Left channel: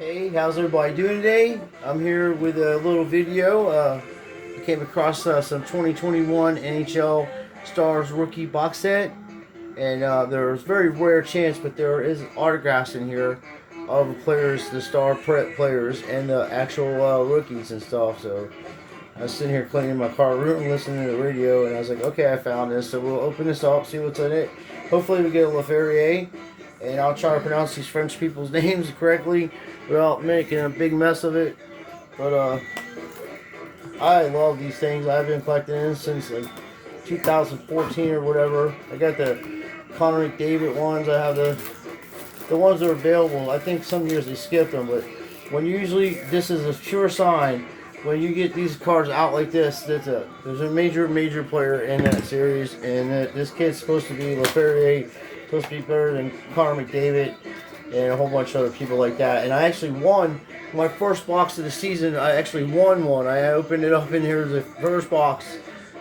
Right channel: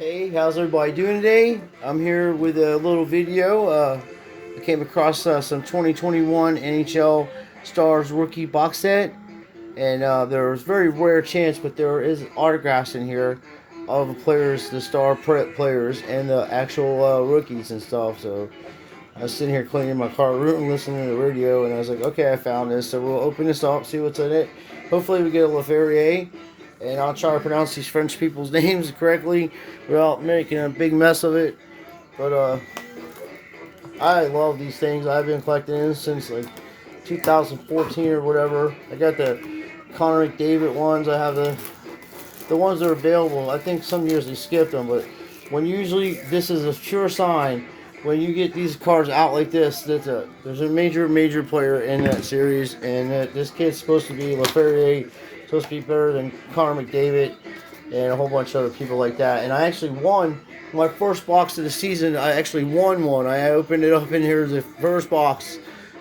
Hey, how's everybody doing today? I'm here with a little video. I came across some 2021 NHL Stars rookie box set, and there's very rare chance, but there is autographs in here of the players, the star players, and the actual rookies and stuff. So I was sitting here cleaning my car room, listening to the radio, and I was like, okay, I found this. So we'll open this up, see what's in it. Hopefully, we get a Lafreniere, and I'll try to pronounce these French people's names correctly without making a big mess of it. But I love these things. I've been collecting them since like 2014 or whatever. I got the Connor McDavid ones. I have the ones that are available. I think some years they skip them, but when usually this is a sure sign when you get these cards out like this, there's a major player in that series, and this kid's supposed to be Lafreniere, supposed to be better than Connor McDavid, and a whole bunch of other people like that. And I actually won my first box of the season. I actually won one. I opened it up, and here's the first box,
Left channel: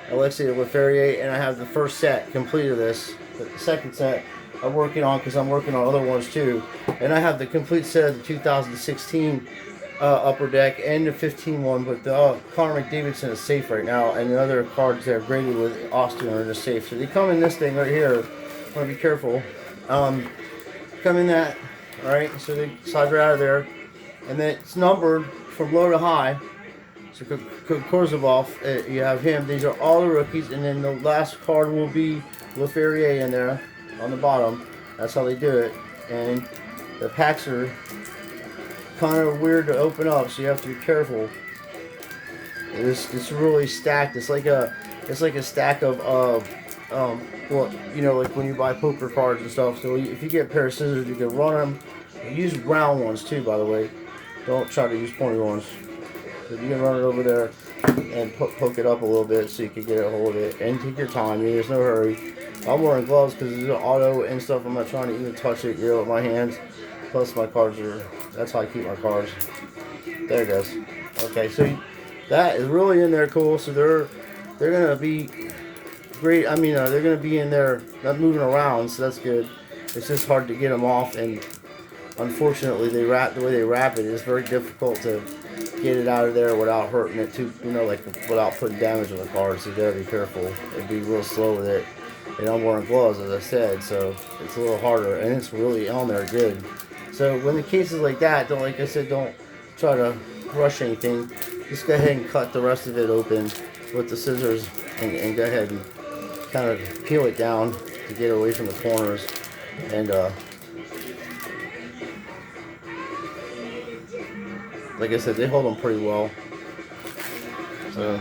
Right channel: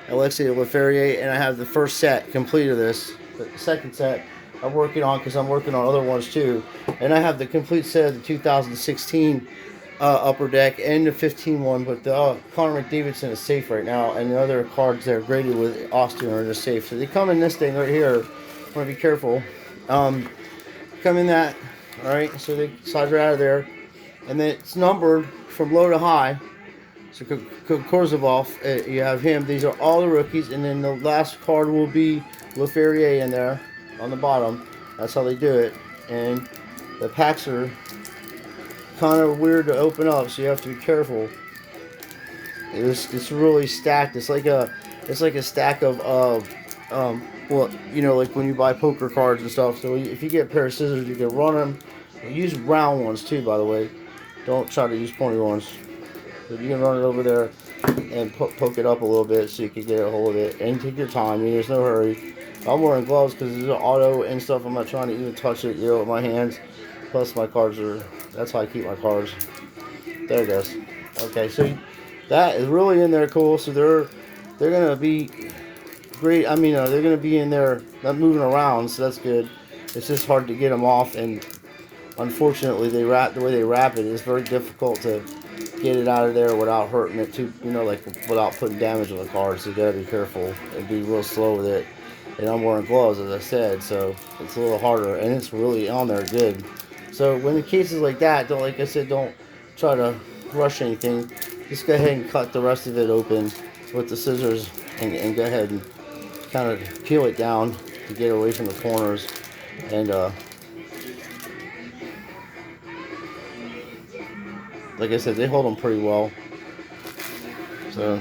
Alexei Lafreniere, and I have the first set complete of this. The second set I'm working on because I'm working on other ones too, and I have the complete set of the 2016 upper deck and the 15 one, but the Connor McDavid's in a safe right now, and the other cards that are graded with Austin are in a safe. So they come in this thing right here. I'm gonna be careful. Come in that, all right. So they slide right out of there, and then it's numbered from low to high. So Korzabov, you have him. These are all the rookies, and then the last card will be Lafreniere in there on the bottom. That's how they do it, and the packs are kind of weird to open up, so you have to be careful. It's really stacked. It's like a stack of well, you know, like when you buy poker cards and stuff. So if you get a pair of scissors, you can run them. Use round ones too, by the way. Don't try to use pointy ones. But you can run it over there and poke it up a little bit so you can get a hold of it. And take your time. I mean, there's no hurry. I'm wearing gloves because it's an auto and stuff. I'm not trying to even touch it, you know, with my hands. Plus my cards are, that's how I keep my cards. There it goes. Okay, so that is really in there cool. So they're gonna be great. I mean, they're gonna be in there, not moving around, so that's good. It's just hard to get them off, and unfortunately, the way they wrap it is very difficult to get it out of there without hurting it too. You know, like without putting damage on the cards. So you gotta be careful and be real slow with it. And I'm wearing gloves, as I said, so it's a little harder, and it's really on there good. So when the cases like that, like I said, don't try to rush anything. Just go ahead and cut the rest of it open with the scissors, and go ahead and kind of peel it down to get away from the corners. And like I said, they hold them pretty well. So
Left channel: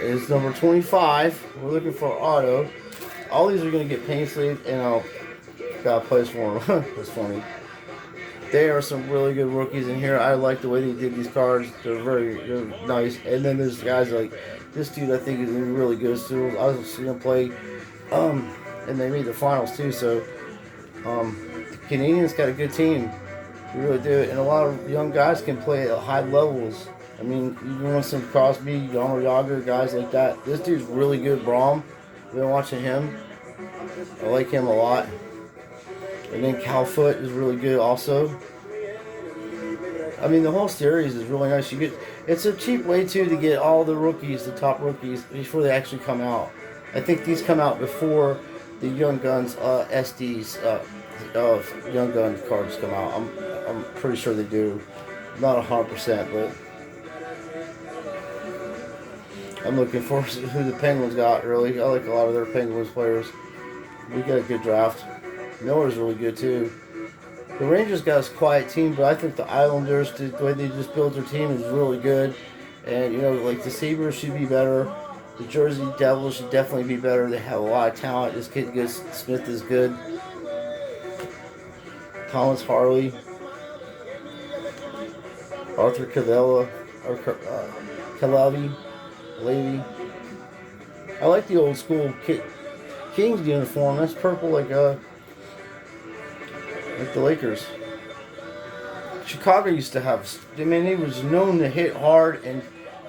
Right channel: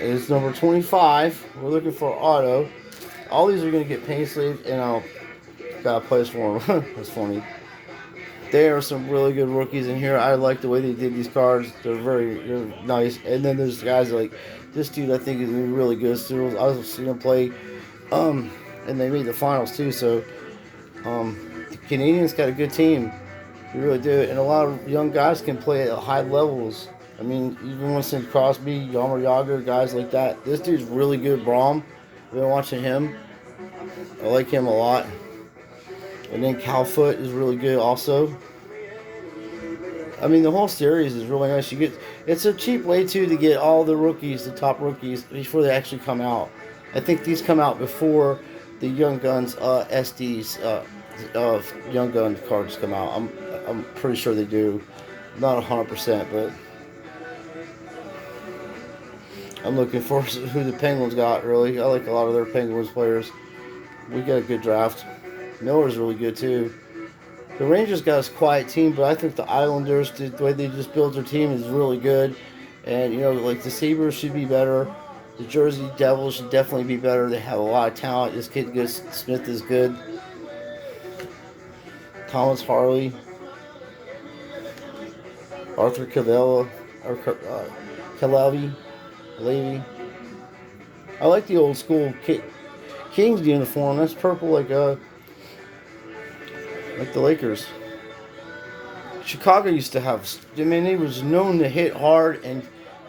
it's number 25. We're looking for auto. All these are going to get paint sleeved, and I'll got a place for them. That's funny. There are some really good rookies in here. I like the way they did these cards. They're nice. And then there's guys like this dude. I think is really good. Still, I was seeing him play, and they made the finals too. So the Canadians got a good team. They really do. And a lot of young guys can play at high levels. I mean, even with some Crosby, Jaromir Jagr, guys like that. This dude's really good. Braum. I've been watching him. I like him a lot. And then Calfoot is really good also. I mean, the whole series is really nice. It's a cheap way too to get all the rookies, the top rookies, before they actually come out. I think these come out before the Young Guns SDs Young Guns cards come out. I'm pretty sure they do. Not 100%, but I'm looking for who the Penguins got. Really, I like a lot of their Penguins players. We got a good draft. Miller's really good too. The Rangers got a quiet team, but I think the Islanders, the way they just built their team, is really good. And you know, like the Sabres should be better. The Jersey Devils should definitely be better. They have a lot of talent. This kid Smith is good. Thomas Harley, Arthur Cavella, or Calavi, Lady. I like the old school Kings uniform. That's purple like the Lakers. Chicago used to have. I mean, they was known to hit hard and,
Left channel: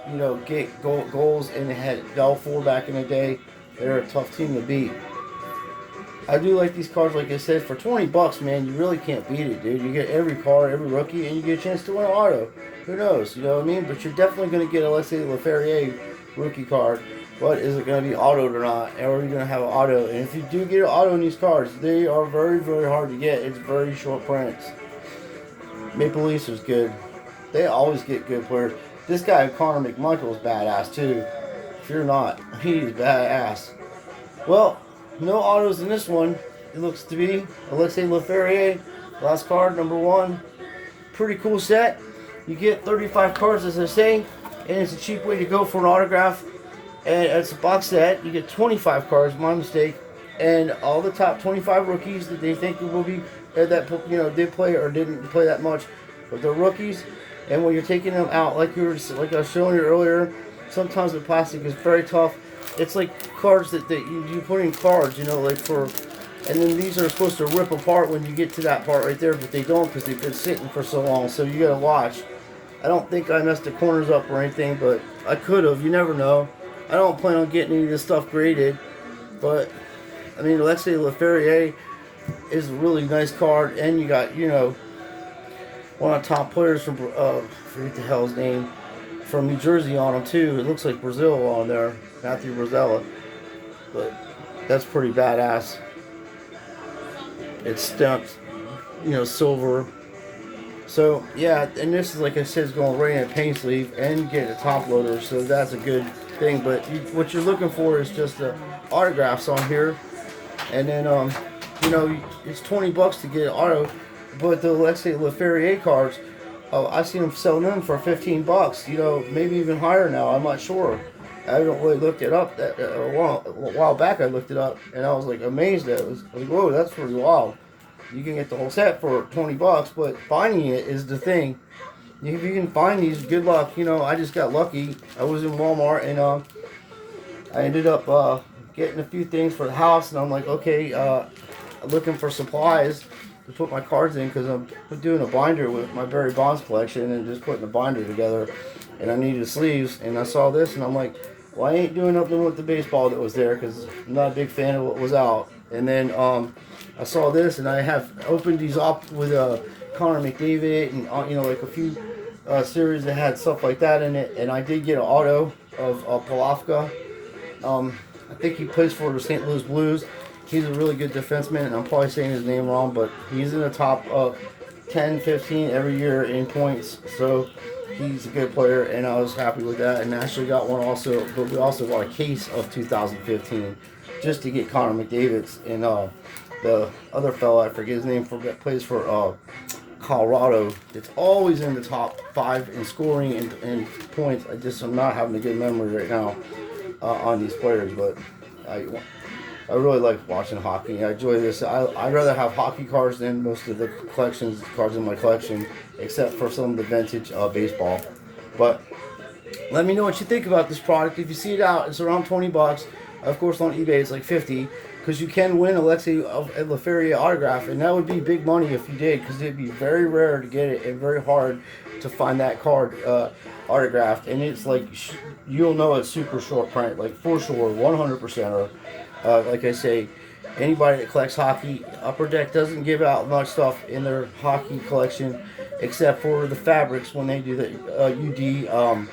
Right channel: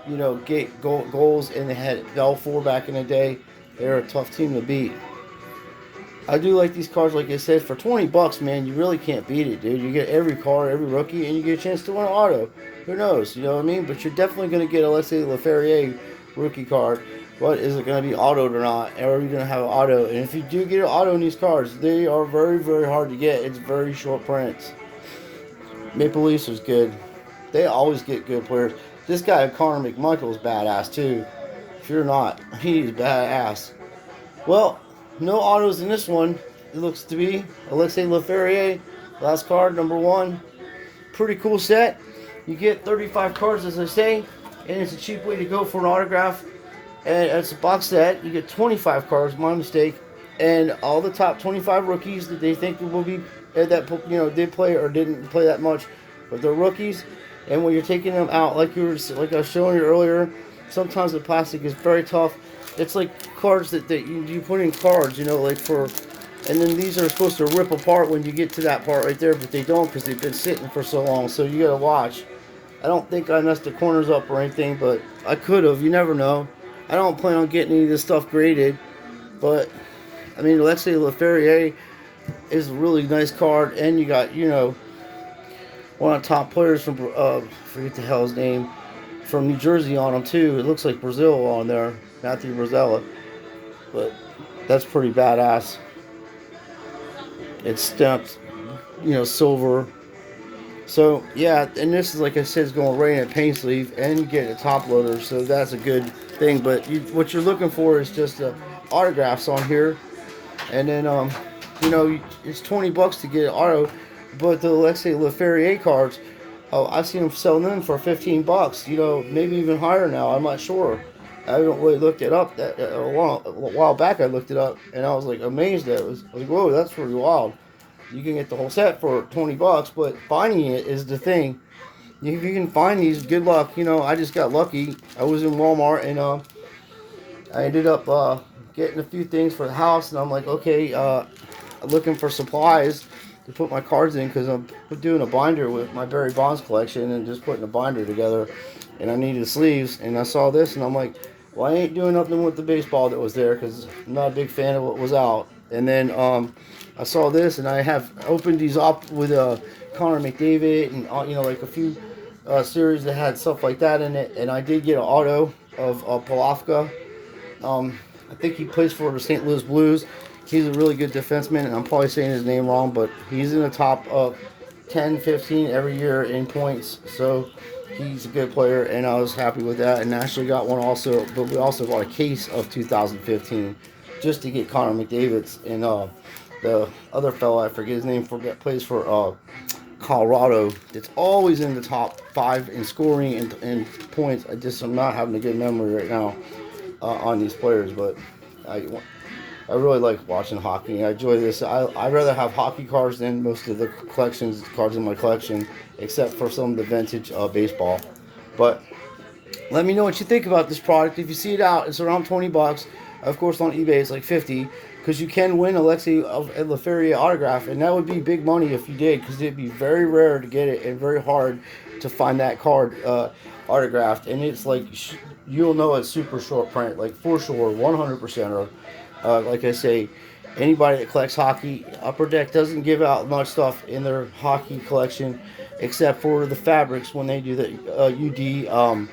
you know, get goals, and they had Belfour back in the day. They're a tough team to beat. I do like these cards, like I said, for 20 bucks, man, you really can't beat it, dude. You get every card, every rookie, and you get a chance to win an auto. Who knows, you know what I mean? But you're definitely going to get a, let's say, Lafreniere rookie card. What is it going to be autoed or not? Or are you going to have an auto? And if you do get an auto in these cards, they are very, very hard to get. It's very short prints. Maple Leafs is good. They always get good players. This guy, Connor McMichael, is badass, too. If you're not, he's badass. Well, no autos in this one. It looks to be Alexei Lafreniere, last card, number 1. Pretty cool set. You get 35 cards, as I say, and it's a cheap way to go for an autograph. And it's a box set. You get 25 cards, my mistake, and all the top 25 rookies that they think will be that did play or didn't play that much, but they're rookies. And when you're taking them out, like I was showing you earlier, sometimes the plastic is very tough. It's like cards that you put in cards, like for, and then these are supposed to rip apart when you get to that part right there, but they don't because they've been sitting for so long. So you gotta watch. I don't think I messed the corners up or anything, but I could have. You never know. I don't plan on getting any of this stuff graded, but I mean, Alexei Lafreniere is a really nice card, and you got one of the top players from forget the hell his name, from New Jersey on him too. It looks like Brazil on there, Matthew Rosella, but that's pretty badass. It's stamped, silver. So yeah, and this is, like I said, is going right in a paint sleeve, and you get a top loader, so that's a good thing. But what you're looking for is just autographs on here, and then it's 20 bucks to get an auto. But the Alexei Lafreniere cards, I've seen them selling them for 15 bucks, maybe even higher now. I'm not sure. I haven't really looked it up. A while back I looked it up, and I was like amazed at it. I was like, whoa, that's pretty wild. You can get the whole set for 20 bucks, but finding it is the thing. If you can find these, good luck. I just got lucky. I was in Walmart, and I ended up getting a few things for the house, and I'm like, okay, looking for supplies to put my cards in, because I'm doing a binder with my Barry Bonds collection and just putting a binder together, and I needed sleeves, and I saw this, and I'm like, well, I ain't doing nothing with the baseball that was there, because I'm not a big fan of what was out. And then I saw this, and I have opened these up with Connor McDavid and like a few series that had stuff like that in it, and I did get an auto of Palafka. I think he plays for the St. Louis Blues. He's a really good defenseman, and I'm probably saying his name wrong, but he's in the top 10, 15 every year in points, so he's a good player, and I was happy with that. And I actually got one also, but we also got a case of 2015 just to get Connor McDavid's. And the other fellow, I forget his name, plays for Colorado. It's always in the top 5 in scoring and points. I'm not having a good memory right now on these players, but I really like watching hockey. I enjoy this. I'd rather have hockey cards than most of the cards in my collection, except for some of the vintage baseball. But let me know what you think about this product. If you see it out, it's around 20 bucks. Of course, on eBay, it's like 50, because you can win Alexei Lafreniere autograph, and that would be big money if you did, because it'd be very rare to get it and very hard to find that card autographed. And it's like, you'll know it's super short print, like for sure, 100%. Like I say, anybody that collects hockey, Upper Deck doesn't give out much stuff in their hockey collection, except for the fabrics when they do the UD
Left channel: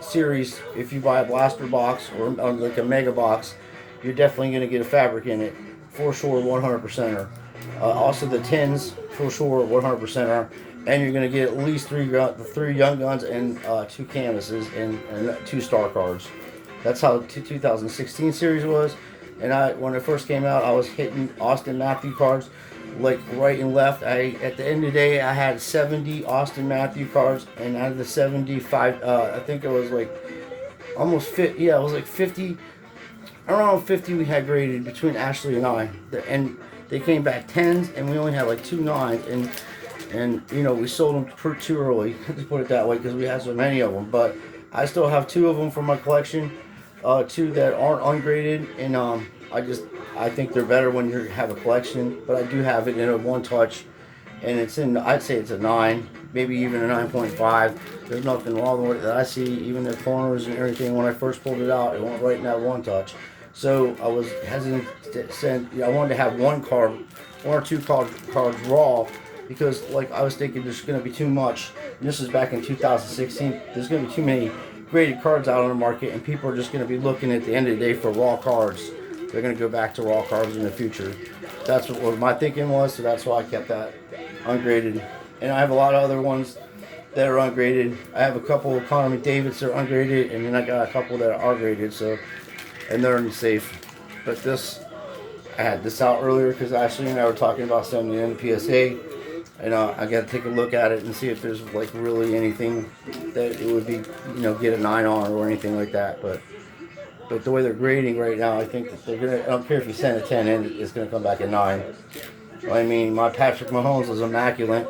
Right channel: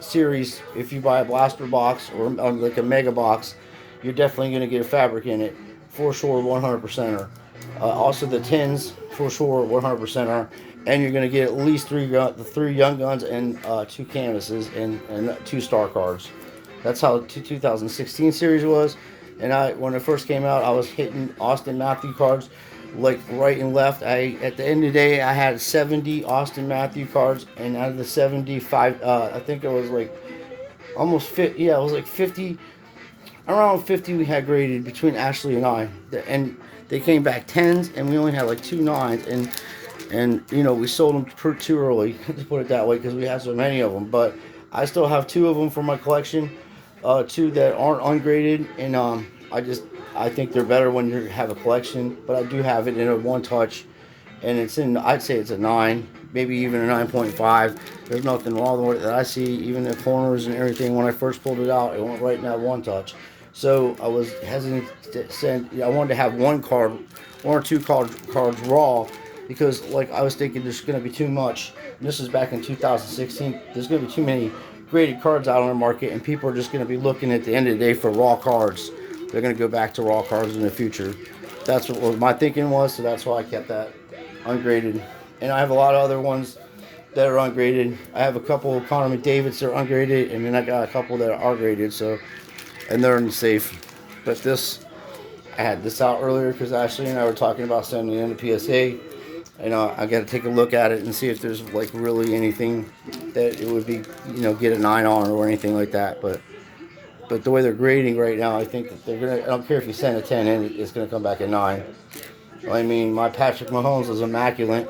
series. If you buy a blaster box or like a mega box, you're definitely going to get a fabric in it, for sure, 100%. Also the tins, for sure, 100%. And you're going to get at least three young guns and 2 canvases and 2 star cards. That's how the 2016 series was. And when it first came out, I was hitting Austin Matthews cards like right and left. At the end of the day, I had 70 Austin Matthews cards, and out of the 75, I think it was like almost 50. Yeah, it was like 50. Around 50 we had graded between Ashley and I, and they came back 10s, and we only had like 2 9s, and we sold them too early, to put it that way, because we had so many of them. But I still have 2 of them from my collection. 2 that aren't ungraded, and I think they're better when you have a collection. But I do have it in a 1-touch, and I'd say it's a 9, maybe even a 9.5. There's nothing wrong with it that I see. Even the corners and everything, when I first pulled it out, it went right in that 1-touch. So I was hesitant to send. I wanted to have one or two cards raw, because like I was thinking there's going to be too much. And this is back in 2016. There's going to be too many graded cards out on the market, and people are just going to be looking at the end of the day for raw cards. They're going to go back to raw cards in the future. That's what my thinking was, so that's why I kept that ungraded. And I have a lot of other ones that are ungraded. I have a couple of Connor McDavid's that are ungraded, and then I got a couple that are graded. So, and they're in the safe. But this, I had this out earlier because Ashley and I were talking about sending it in the PSA, and I got to take a look at it and see if there's like really anything that it would be, get a 9 on or anything like that. But the way they're grading right now, I think that they're gonna. I don't care if you send a 10 in, it's gonna come back a 9. I mean, my Patrick Mahomes was immaculate,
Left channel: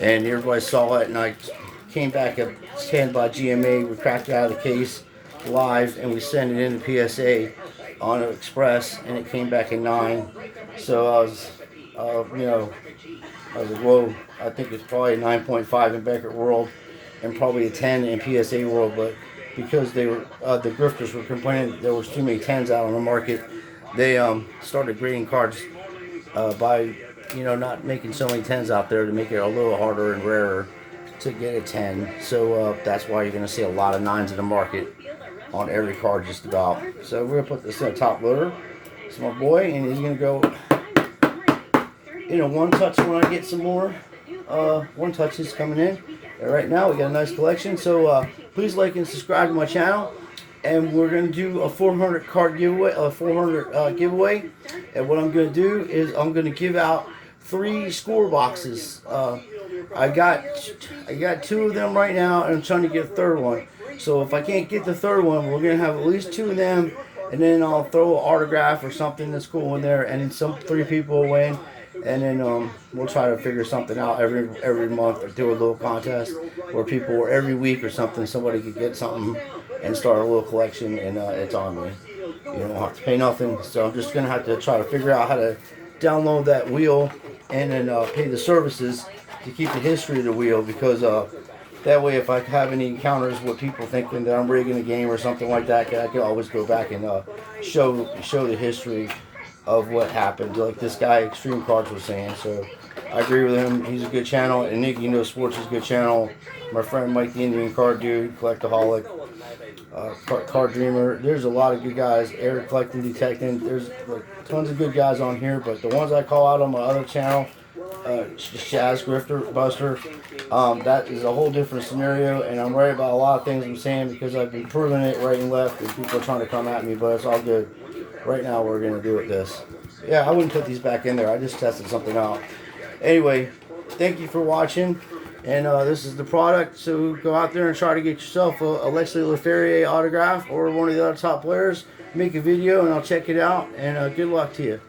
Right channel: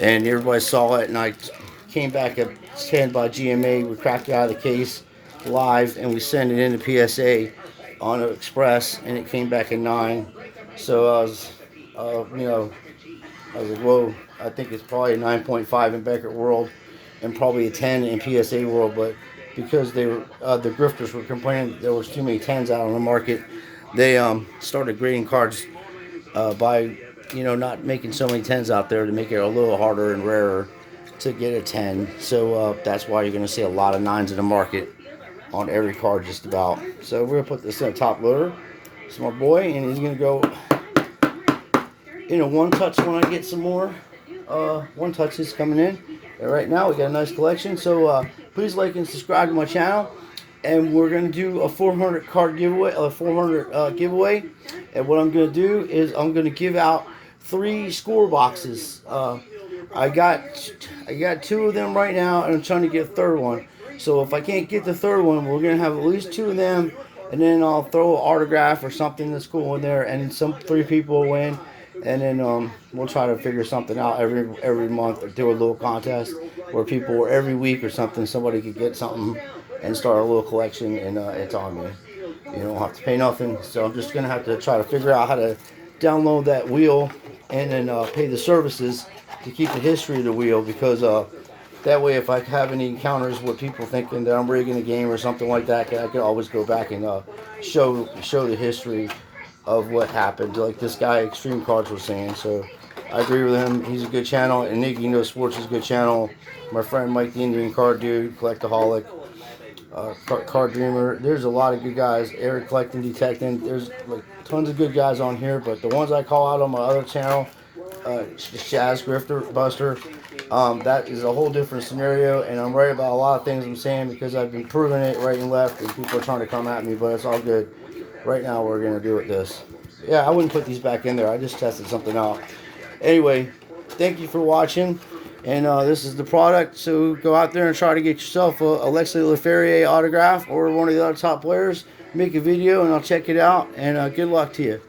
and everybody saw it, and I came back a 10 by GMA. We cracked it out of the case live, and we sent it in to PSA on Express, and it came back a 9. So I was, I was like, whoa, I think it's probably a 9.5 in Beckett World, and probably a 10 in PSA World, but because they were the grifters were complaining that there was too many 10s out on the market, they started grading cards by not making so many 10s out there to make it a little harder and rarer to get a 10. So that's why you're going to see a lot of 9s in the market on every card just about. So we're going to put this in a top loader. It's my boy, and he's going to go one touch when I get some more. One touch is coming in. And right now we got a nice collection. So please like and subscribe to my channel. And we're going to do a 400 card giveaway, giveaway. And what I'm going to do is I'm going to give out 3 score boxes. I got 2 of them right now, and I'm trying to get a third one. So if I can't get the third one, we're going to have at least 2 of them, and then I'll throw an autograph or something that's cool in there, and then 3 people will win. And then we'll try to figure something out every month, or do a little contest where people, or every week or something, somebody could get something and start a little collection, and it's on me. You don't have to pay nothing. So I'm just gonna have to try to figure out how to download that wheel, and then pay the services to keep the history of the wheel, because that way, if I have any encounters with people thinking that I'm rigging a game or something like that, I can always go back and show the history of what happened, like this guy Extreme Cards was saying. So I agree with him. He's a good channel, and Nicky Knows Sports is a good channel. My friend Mike the Indian Card Dude, Collectaholic, Card Dreamer. There's a lot of good guys. Eric Collecting Detecting. There's tons of good guys on here, but the ones I call out on my other channel, Shazzz Grifter Buster, that is a whole different scenario, and I'm right about a lot of things I'm saying because I've been proving it right and left, and people are trying to come at me, but it's all good. Right now we're going to do it this. Yeah, I wouldn't put these back in there. I just tested something out. Anyway, thank you for watching. And this is the product. So go out there and try to get yourself a Lafreniere autograph or one of the other top players. Make a video and I'll check it out. And good luck to you.